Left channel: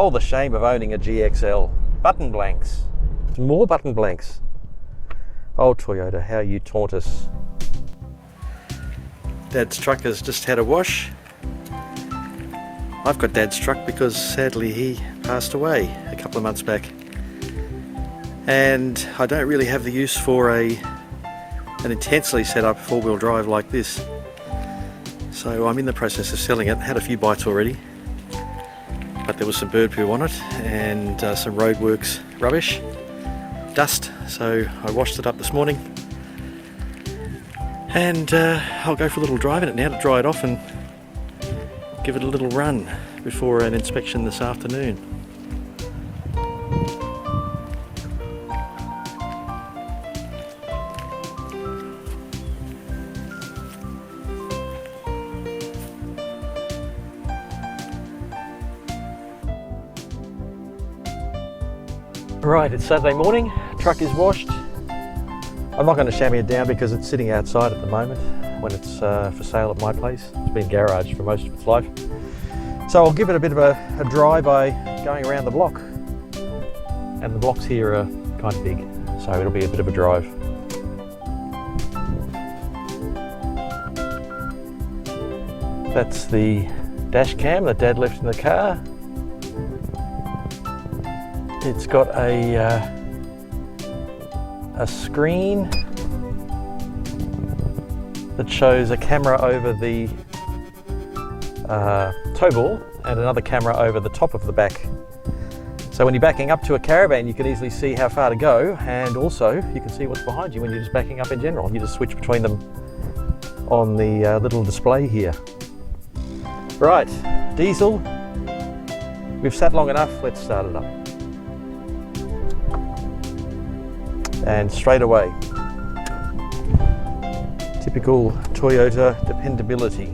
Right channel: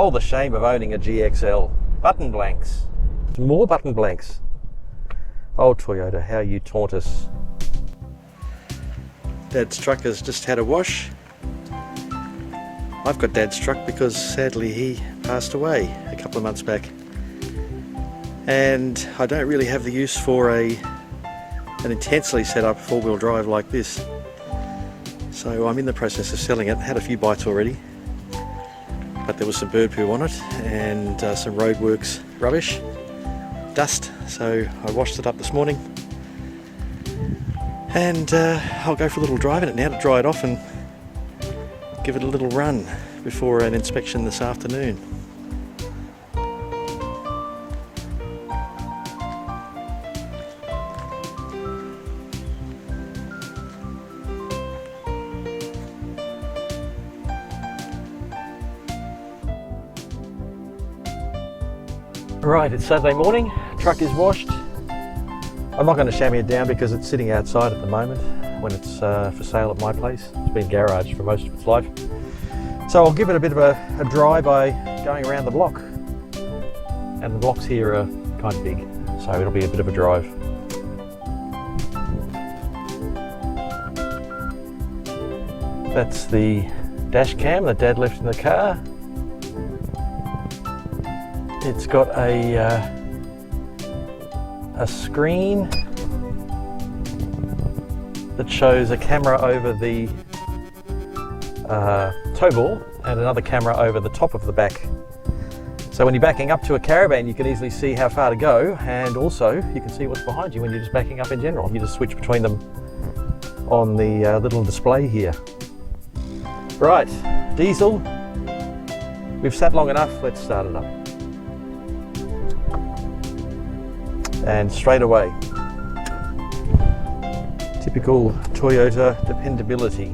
Oh, the shame of owning a GXL. Button blanks. More button blanks. Oh, Toyota, how you taunt us. Dad's truck has just had a wash. I've got Dad's truck because sadly he passed away a couple of months back. And I don't really have the use for an intensely set up four-wheel drive like this. So I'm in the process of selling it. Had a few bites already, but there was some bird poo on it and some roadworks rubbish, dust. So I washed it up this morning, and I'll go for a little drive in it now to dry it off and give it a little run before an inspection this afternoon. Right, it's Saturday morning, truck is washed. I'm not going to chamois it down because it's sitting outside at the moment when it's for sale at my place. It's been garaged for most of its life. So I'll give it a bit of a dry by going around the block. And the blocks here are kind of big, so it'll be a bit of a drive. That's the dash cam that Dad left in the car. It's got a screen that shows a camera over the tow ball and another camera over the top of the back. So when you're backing up to a caravan, you can easily see how far to go, and also you can see what's behind you when you're just backing up in general. You just switch between them on the little display here. Right, diesel. We've sat long enough, let's start it up. And straight away, typical Toyota dependability.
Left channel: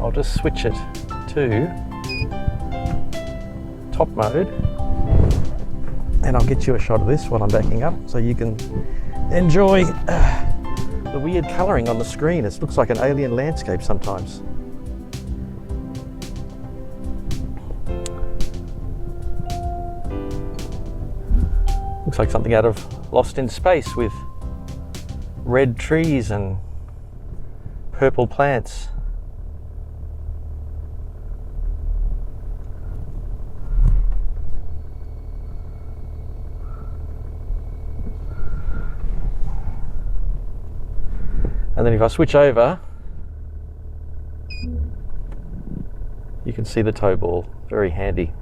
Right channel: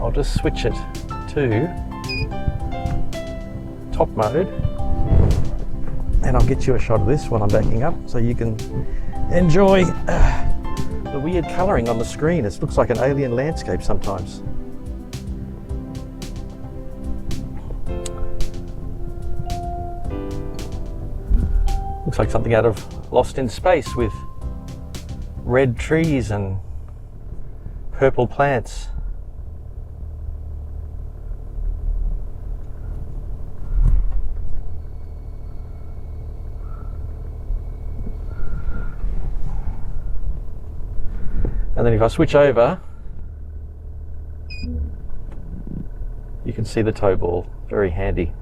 I'll just switch it to top mode, and I'll get you a shot of this while I'm backing up so you can enjoy the weird colouring on the screen. It looks like an alien landscape sometimes. Looks like something out of Lost in Space with red trees and purple plants. And then if I switch over, you can see the tow ball, very handy,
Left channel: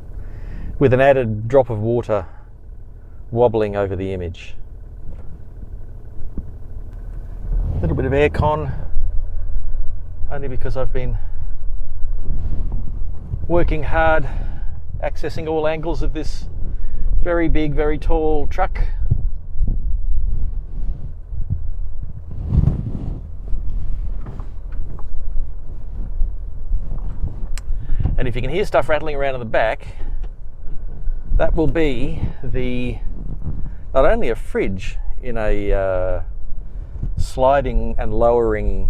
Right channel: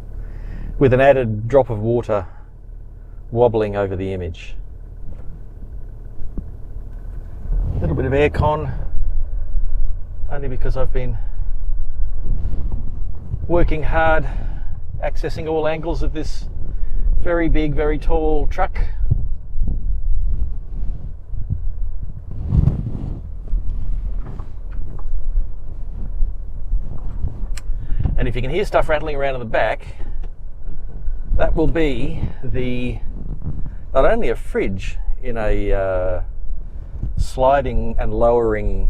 with an added drop of water wobbling over the image. A little bit of aircon, only because I've been working hard, accessing all angles of this very big, very tall truck. And if you can hear stuff rattling around in the back, that will be not only a fridge in a sliding and lowering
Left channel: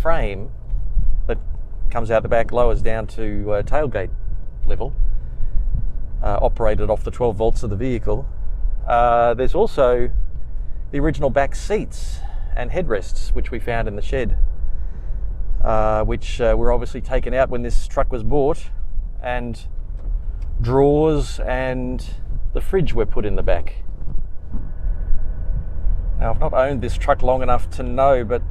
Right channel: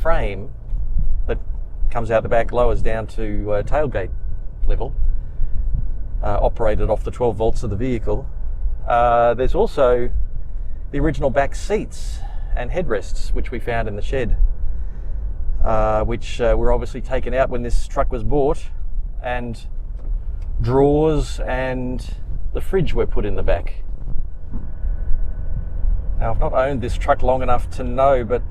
frame that comes out the back, lowers down to tailgate level, operated off the 12 volts of the vehicle. There's also the original back seats and headrests which we found in the shed, which were obviously taken out when this truck was bought, and drawers and the fridge were put in the back. Now, I've not owned this truck long enough to know, but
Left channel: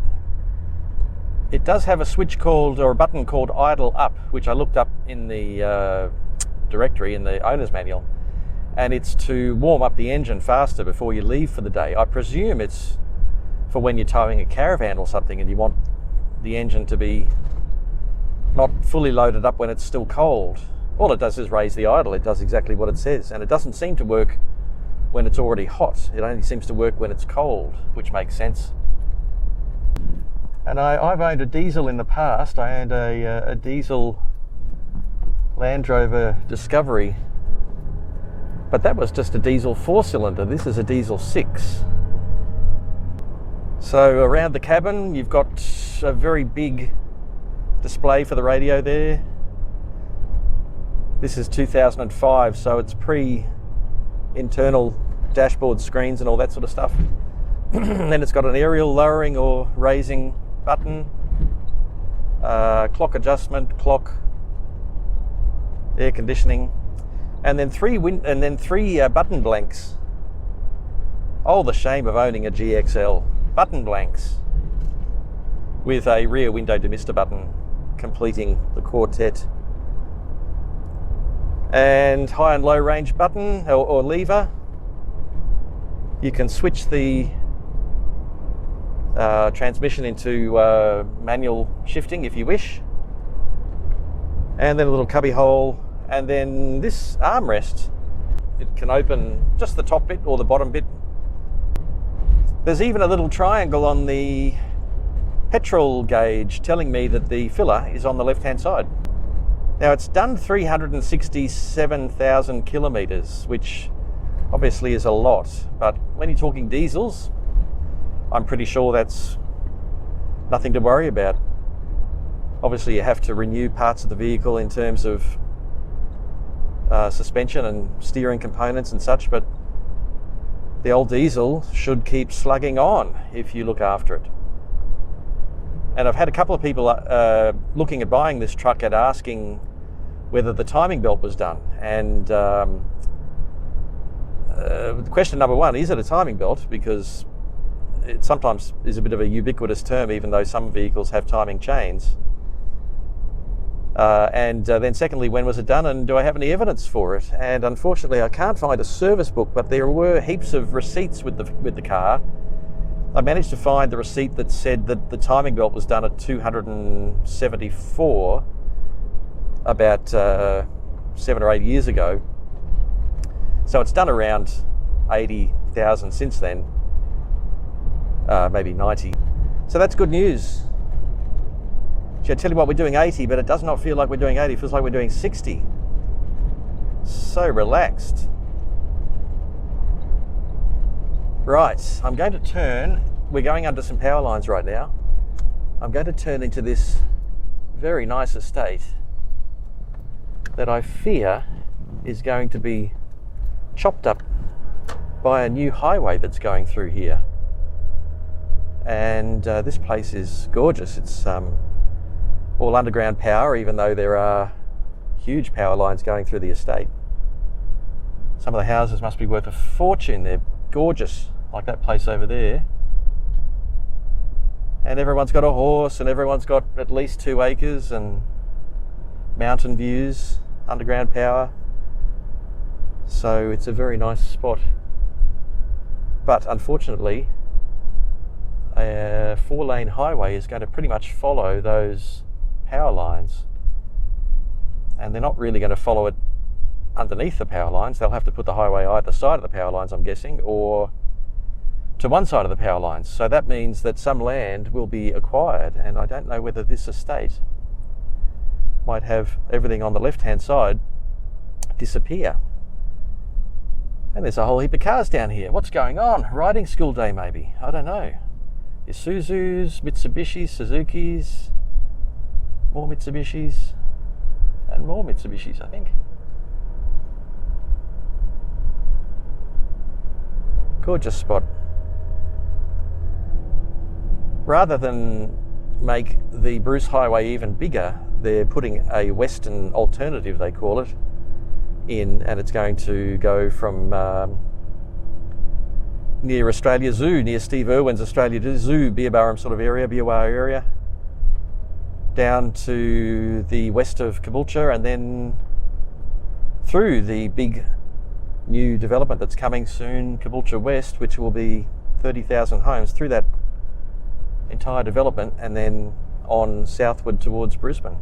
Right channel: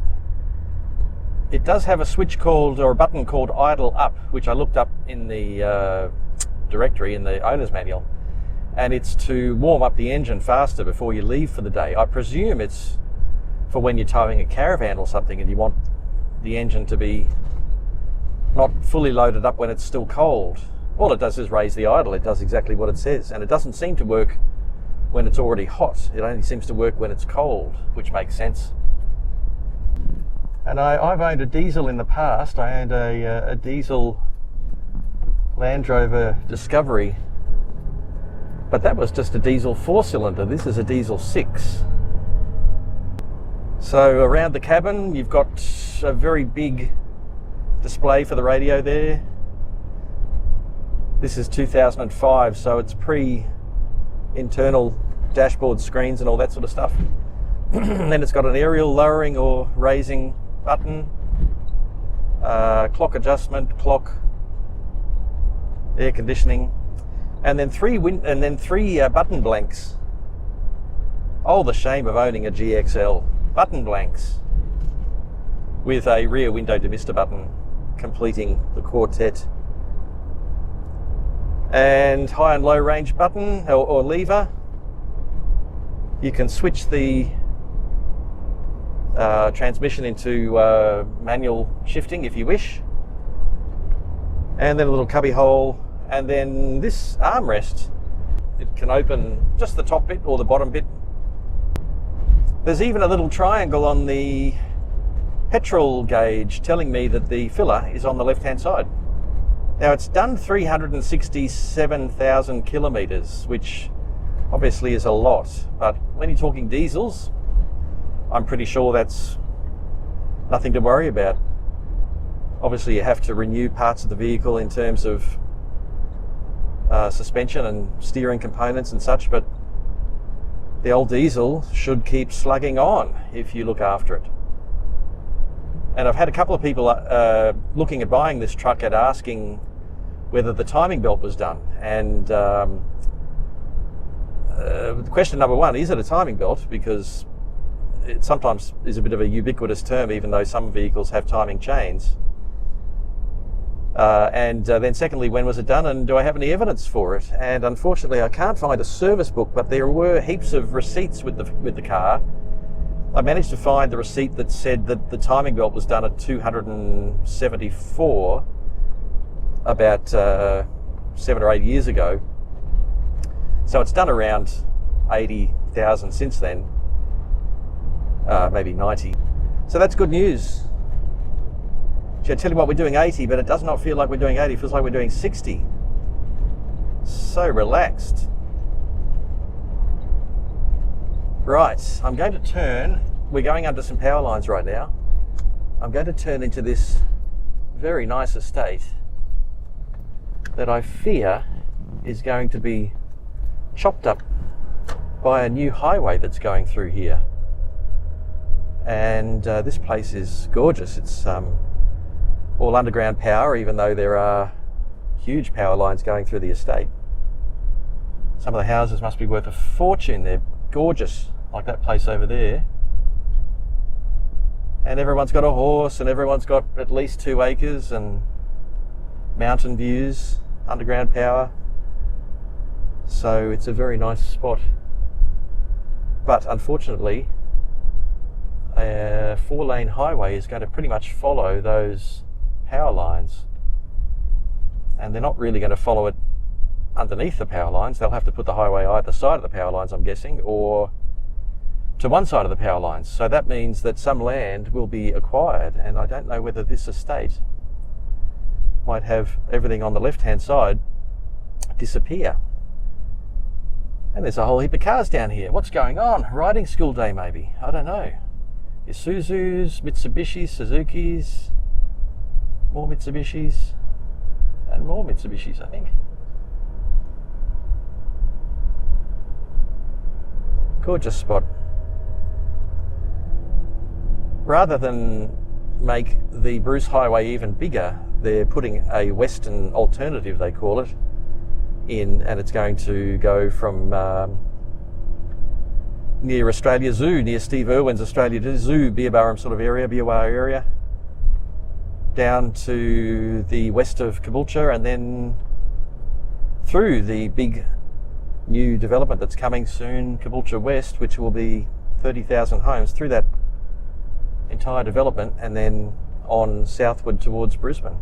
it does have a switch called, or a button called idle up, which I looked up in the directory in the owner's manual, and it's to warm up the engine faster before you leave for the day. I presume it's for when you're towing a caravan or something and you want the engine to be not fully loaded up when it's still cold. All it does is raise the idle. It does exactly what it says, and it doesn't seem to work when it's already hot. It only seems to work when it's cold, which makes sense. And I've owned a diesel in the past. I owned a diesel Land Rover Discovery, but that was just a diesel 4-cylinder. This is a diesel 6. So around the cabin, you've got a very big display for the radio there. This is 2005, so it's pre-internal dashboard screens and all that sort of stuff. And then it's got an aerial lowering or raising button, clock adjustment, clock, air conditioning, and then three button blanks. Oh, the shame of owning a GXL. Button blanks with a rear window demister button completing the quartet. And high and low range button or lever. You can switch the transmission into manual shifting if you wish. And then a little cubby hole, and then this armrest, it can open just the top bit or the bottom bit. There's even a little triangle on the petrol gauge telling me that the filler is on the left hand side. Now it's done 367,000 kilometres, which obviously is a lot, but when you're talking diesels, I'm pretty sure that's nothing to worry about. Obviously you have to renew parts of the vehicle in terms of suspension and steering components and such, but the old diesel should keep slugging on if you look after it. And I've had a couple of people looking at buying this truck and asking whether the timing belt was done. And question number one, is it a timing belt? Because it sometimes is a bit of a ubiquitous term, even though some vehicles have timing chains. And then secondly, when was it done, and do I have any evidence for it? And unfortunately I can't find a service book, but there were heaps of receipts with the car. I managed to find the receipt that said that the timing belt was done at 274 about 7 or 8 years ago. So it's done around 80,000 since then, maybe 90. So that's good news. I tell you what, we're doing 80, but it does not feel like we're doing 80. It feels like we're doing 60. So relaxed. Right, I'm going to turn. We're going under some power lines right now. I'm going to turn into this very nice estate that I fear is going to be chopped up by a new highway that's going through here. And this place is gorgeous. It's all underground power, even though there are huge power lines going through the estate. Some of the houses must be worth a fortune. They're gorgeous, like that place over there. And everyone's got a horse, and everyone's got at least 2 acres, and mountain views, underground power. So it's a very nice spot. But unfortunately, a 4-lane highway is going to pretty much follow those power lines, and they're not really going to follow it underneath the power lines. They'll have to put the highway either side of the power lines, I'm guessing, or to one side of the power lines. So that means that some land will be acquired, and I don't know whether this estate might have everything on the left hand side disappear. And there's a whole heap of cars down here. What's going on? Riding school day maybe? I don't know. Isuzus, Mitsubishis, Suzukis, more Mitsubishis, and more Mitsubishis, I think. Gorgeous spot. Rather than make the Bruce Highway even bigger, they're putting a western alternative, they call it, in, and it's going to go from near Australia Zoo, near Steve Irwin's Australia Zoo, Beerburrum sort of area, Beerwah area, down to the west of Caboolture, and then through the big new development that's coming soon, Caboolture West, which will be 30,000 homes, through that entire development, and then on southward towards Brisbane.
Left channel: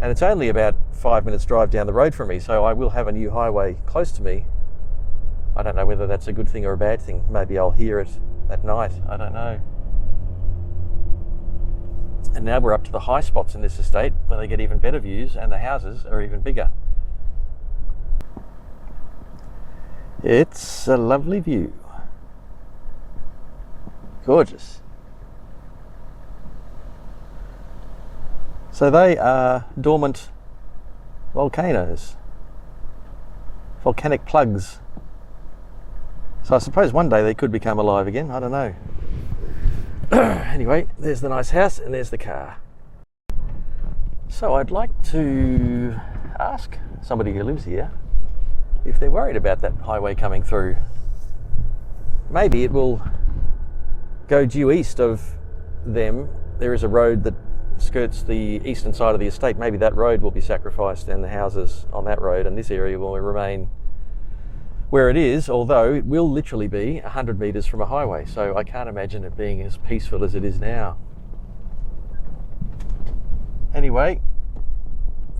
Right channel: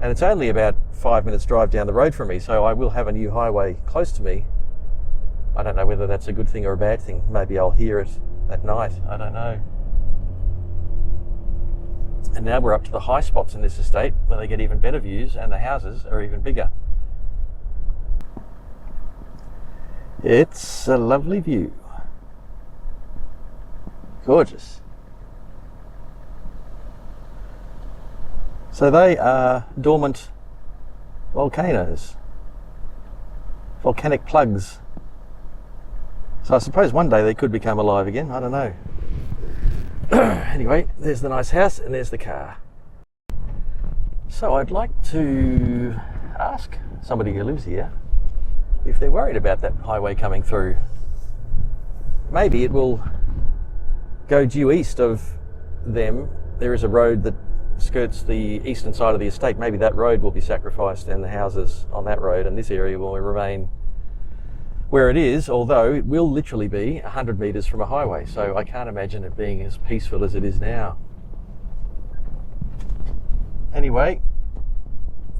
And it's only about 5 minutes drive down the road from me, so I will have a new highway close to me. I don't know whether that's a good thing or a bad thing. Maybe I'll hear it at night, I don't know. And now we're up to the high spots in this estate, where they get even better views, and the houses are even bigger. It's a lovely view. Gorgeous. So they are dormant volcanoes, volcanic plugs. So I suppose one day they could become alive again, I don't know. Anyway, there's the nice house and there's the car. So I'd like to ask somebody who lives here if they're worried about that highway coming through. Maybe it will go due east of them. There is a road that skirts the eastern side of the estate. Maybe that road will be sacrificed and the houses on that road and this area will remain where it is, although it will literally be 100 metres from a highway, so I can't imagine it being as peaceful as it is now. Anyway,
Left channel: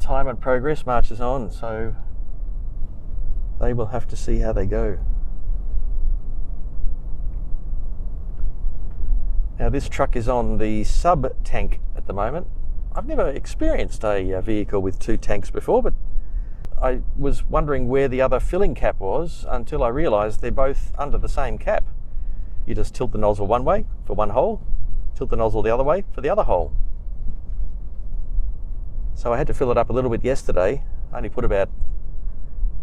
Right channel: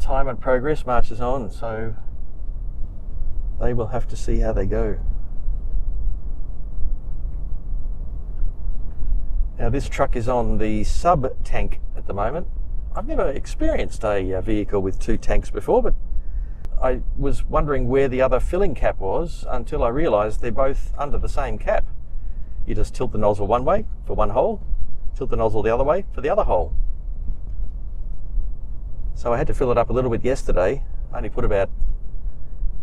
time and progress marches on, so they will have to see how they go. Now this truck is on the sub tank at the moment. I've never experienced a vehicle with two tanks before, but I was wondering where the other filling cap was until I realised they're both under the same cap. You just tilt the nozzle one way for one hole, tilt the nozzle the other way for the other hole. So I had to fill it up a little bit yesterday. I only put about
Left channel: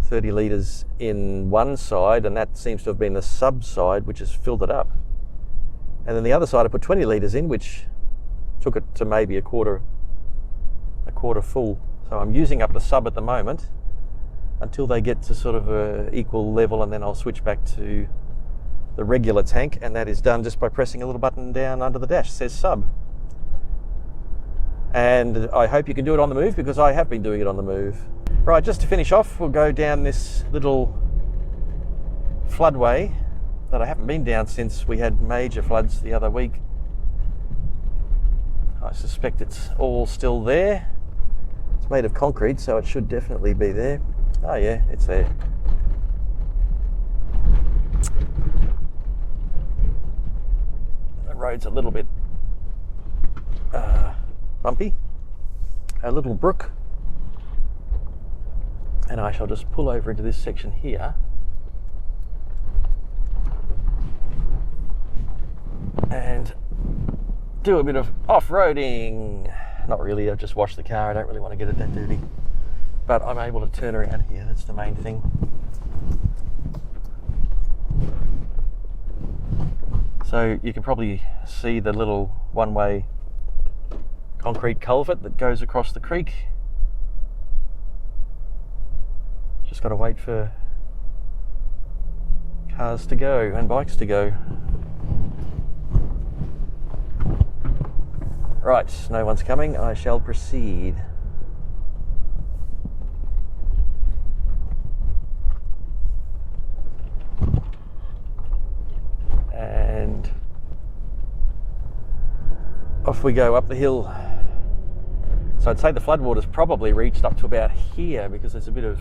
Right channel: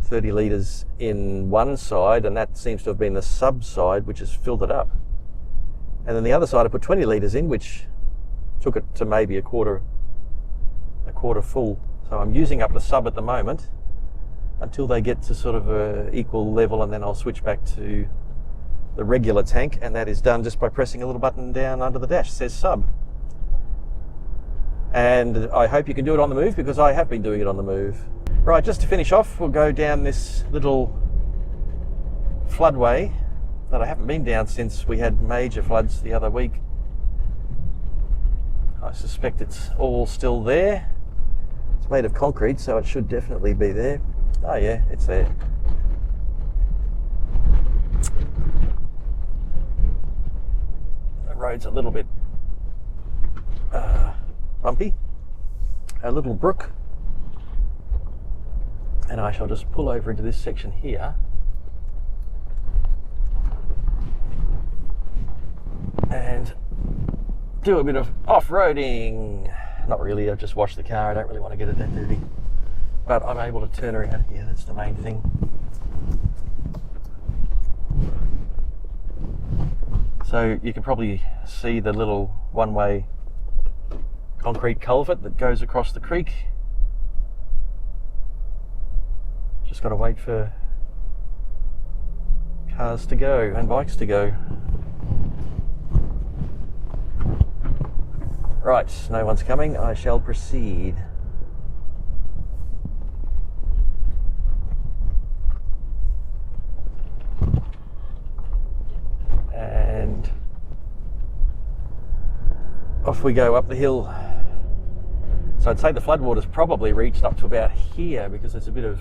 30 litres in one side, and that seems to have been the sub side, which has filled it up. And then the other side I put 20 litres in, which took it to maybe a quarter full. So I'm using up the sub at the moment until they get to sort of a equal level, and then I'll switch back to the regular tank, and that is done just by pressing a little button down under the dash. It says sub. And I hope you can do it on the move, because I have been doing it on the move. Right, just to finish off, we'll go down this little floodway that I haven't been down since we had major floods the other week. I suspect it's all still there. It's made of concrete, so it should definitely be there. Oh yeah, it's there. The road's a little bit bumpy. A little brook. And I shall just pull over into this section here. And do a bit of off-roading. Not really, I just wash the car, I don't really want to get it that dirty. But I'm able to turn around here, that's the main thing. So you can probably see the little one-way concrete culvert that goes across the creek. Just got to wait for cars to go and bikes to go. Right, no one's coming, I shall proceed. And off we go up the hill. So I'd say the floodwater's probably reached up to about here, because there's a bit of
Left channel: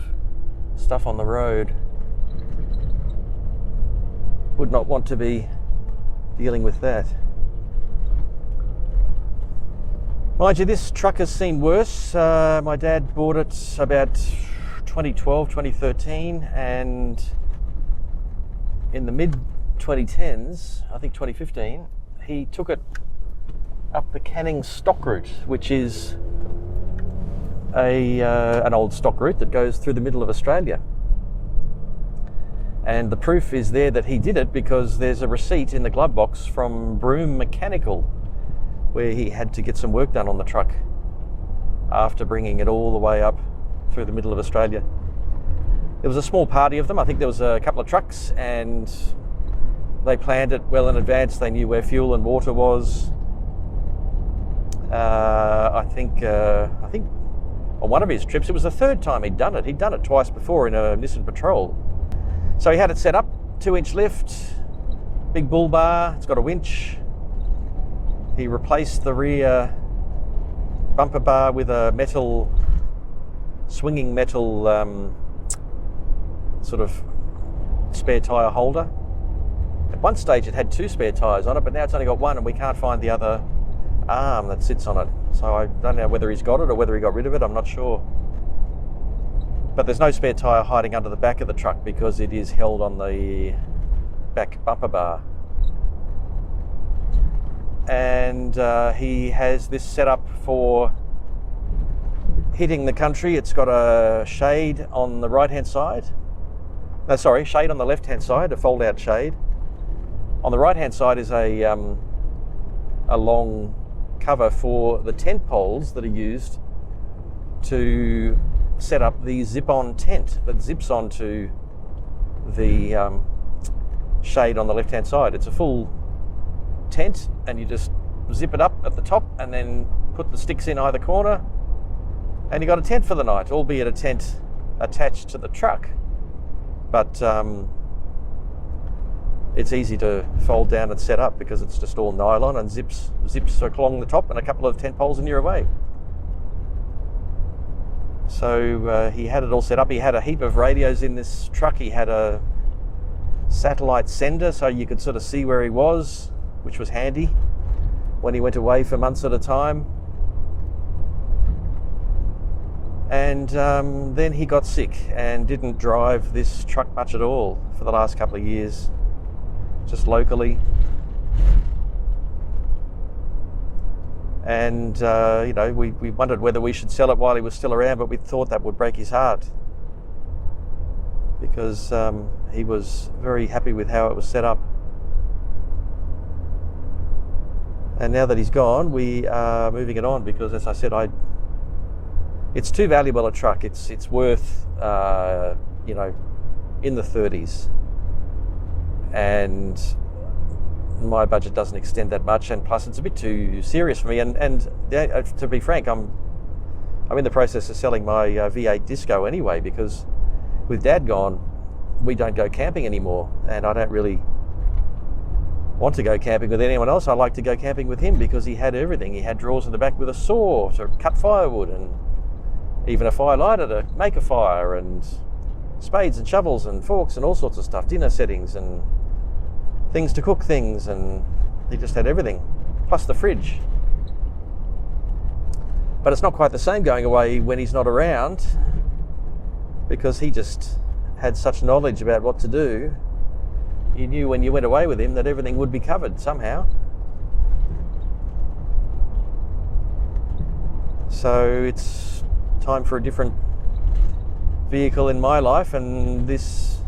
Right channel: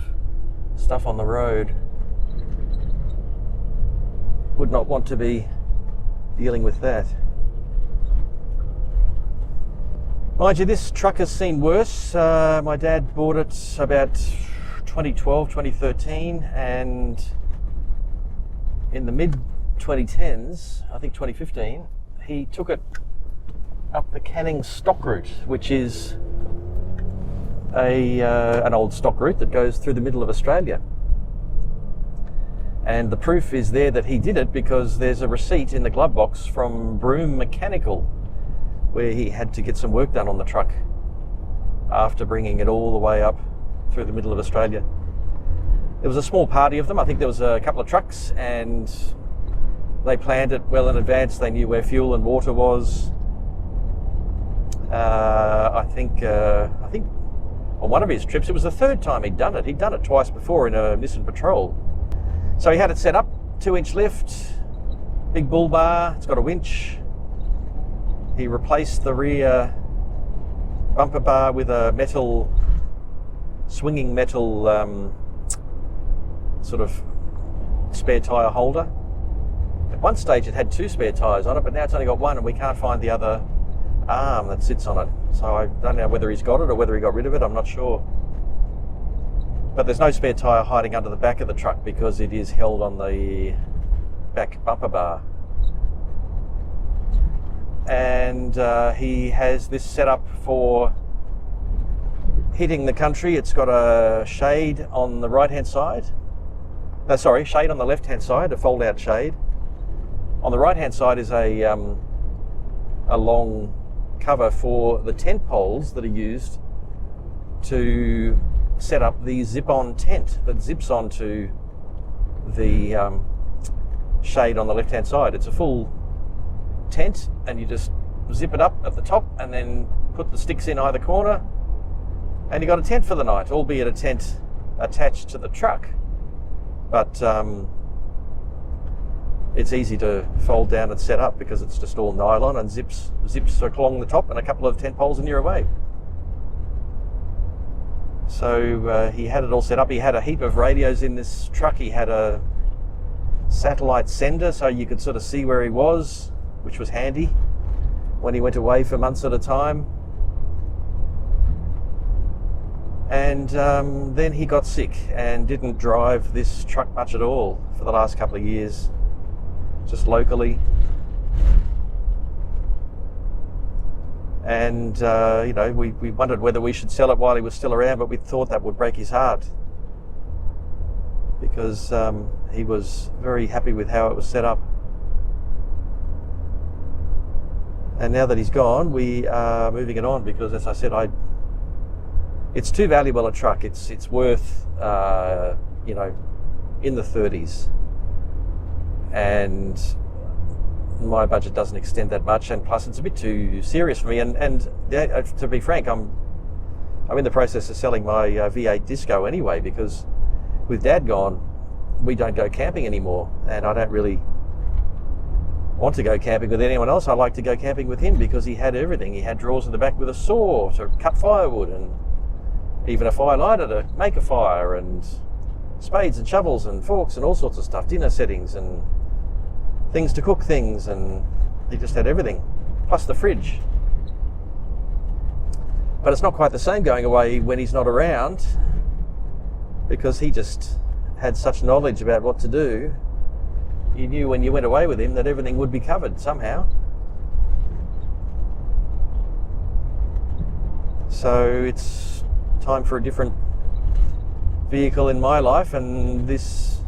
stuff on the road. Would not want to be dealing with that. Mind you, this truck has seen worse. My dad bought it about 2012, 2013, and in the mid 2010s, I think 2015, he took it up the Canning stock route, which is an old stock route that goes through the middle of Australia. And the proof is there that he did it, because there's a receipt in the glove box from Broome Mechanical, where he had to get some work done on the truck after bringing it all the way up through the middle of Australia. There was a small party of them. I think there was a couple of trucks, and they planned it well in advance. They knew where fuel and water was. I think on one of his trips, it was the third time he'd done it. He'd done it twice before in a Nissan Patrol. So he had it set up, 2-inch lift, big bull bar, it's got a winch. He replaced the rear bumper bar with a swinging metal sort of spare tyre holder. At one stage it had 2 spare tyres on it, but now it's only got 1, and we can't find the other arm that sits on it. So I don't know whether he's got it or whether he got rid of it, I'm not sure. But there's no spare tyre hiding under the back of the truck, because it is held on the back bumper bar. And he has this set up for hitting the country. It's got a shade on the right hand side. Shade on the left hand side, a fold out shade. On the right hand side is a long cover for the tent poles that are used to set up the zip-on tent that zips onto the shade on the left hand side. It's a full tent and you just zip it up at the top and then put the sticks in either corner and you got a tent for the night, albeit a tent attached to the truck. But it's easy to fold down and set up because it's just all nylon and zips along the top and a couple of tent poles and you're away. So he had it all set up. He had a heap of radios in this truck. He had a satellite sender so you could sort of see where he was, which was handy when he went away for months at a time. And then he got sick and didn't drive this truck much at all for the last couple of years, just locally. And we wondered whether we should sell it while he was still around, but we thought that would break his heart because he was very happy with how it was set up. And now that he's gone, we are moving it on because, as I said, it's too valuable a truck. It's worth in the 30s, and my budget doesn't extend that much, and plus it's a bit too serious for me. And to be frank, I'm in the process of selling my V8 Disco anyway, because with Dad gone, we don't go camping anymore, and I don't really want to go camping with anyone else. I like to go camping with him because he had everything. He had drawers in the back with a saw to cut firewood, and even a fire lighter to make a fire, and spades and shovels and forks and all sorts of stuff, dinner settings and things to cook things, and he just had everything, plus the fridge. But it's not quite the same going away when he's not around, because he just had such knowledge about what to do. You knew when you went away with him that everything would be covered somehow. So it's time for a different vehicle in my life, and this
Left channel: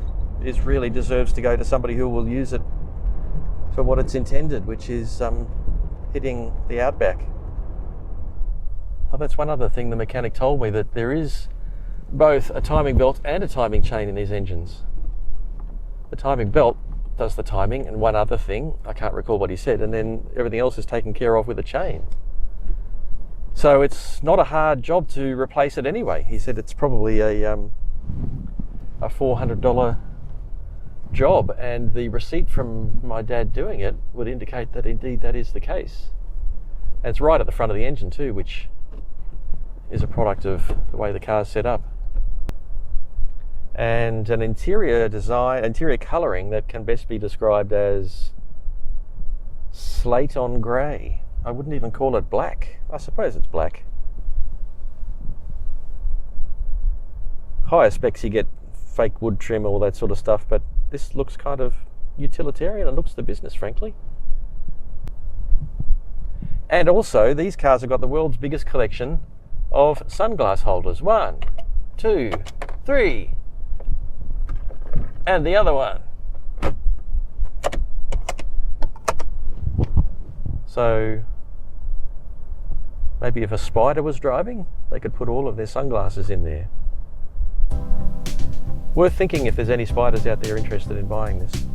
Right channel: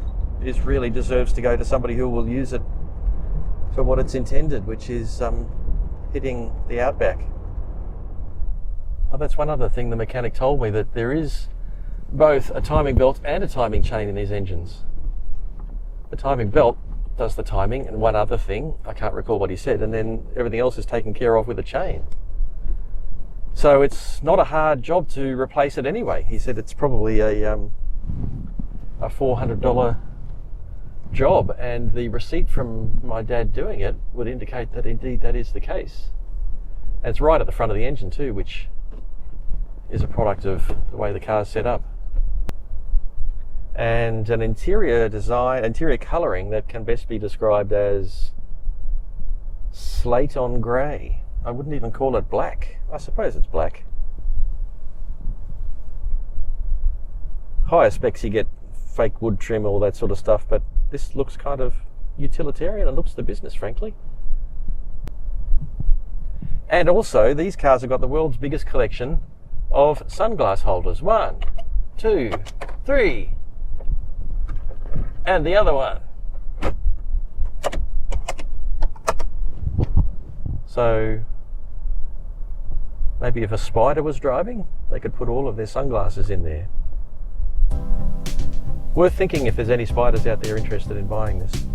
really deserves to go to somebody who will use it for what it's intended, which is hitting the outback. Oh, that's one other thing the mechanic told me, that there is both a timing belt and a timing chain in these engines. The timing belt does the timing and one other thing, I can't recall what he said, and then everything else is taken care of with a chain. So it's not a hard job to replace it anyway. He said it's probably a $400 job, and the receipt from my dad doing it would indicate that indeed that is the case. And it's right at the front of the engine too, which is a product of the way the car's set up. And an interior colouring that can best be described as slate on grey. I wouldn't even call it black. I suppose it's black. Higher specs you get fake wood trim, all that sort of stuff, but this looks kind of utilitarian and looks the business, frankly. And also, these cars have got the world's biggest collection of sunglass holders. 1, 2, 3. And the other one. So maybe if a spider was driving, they could put all of their sunglasses in there. Worth thinking if there's any spiders out there interested in buying this.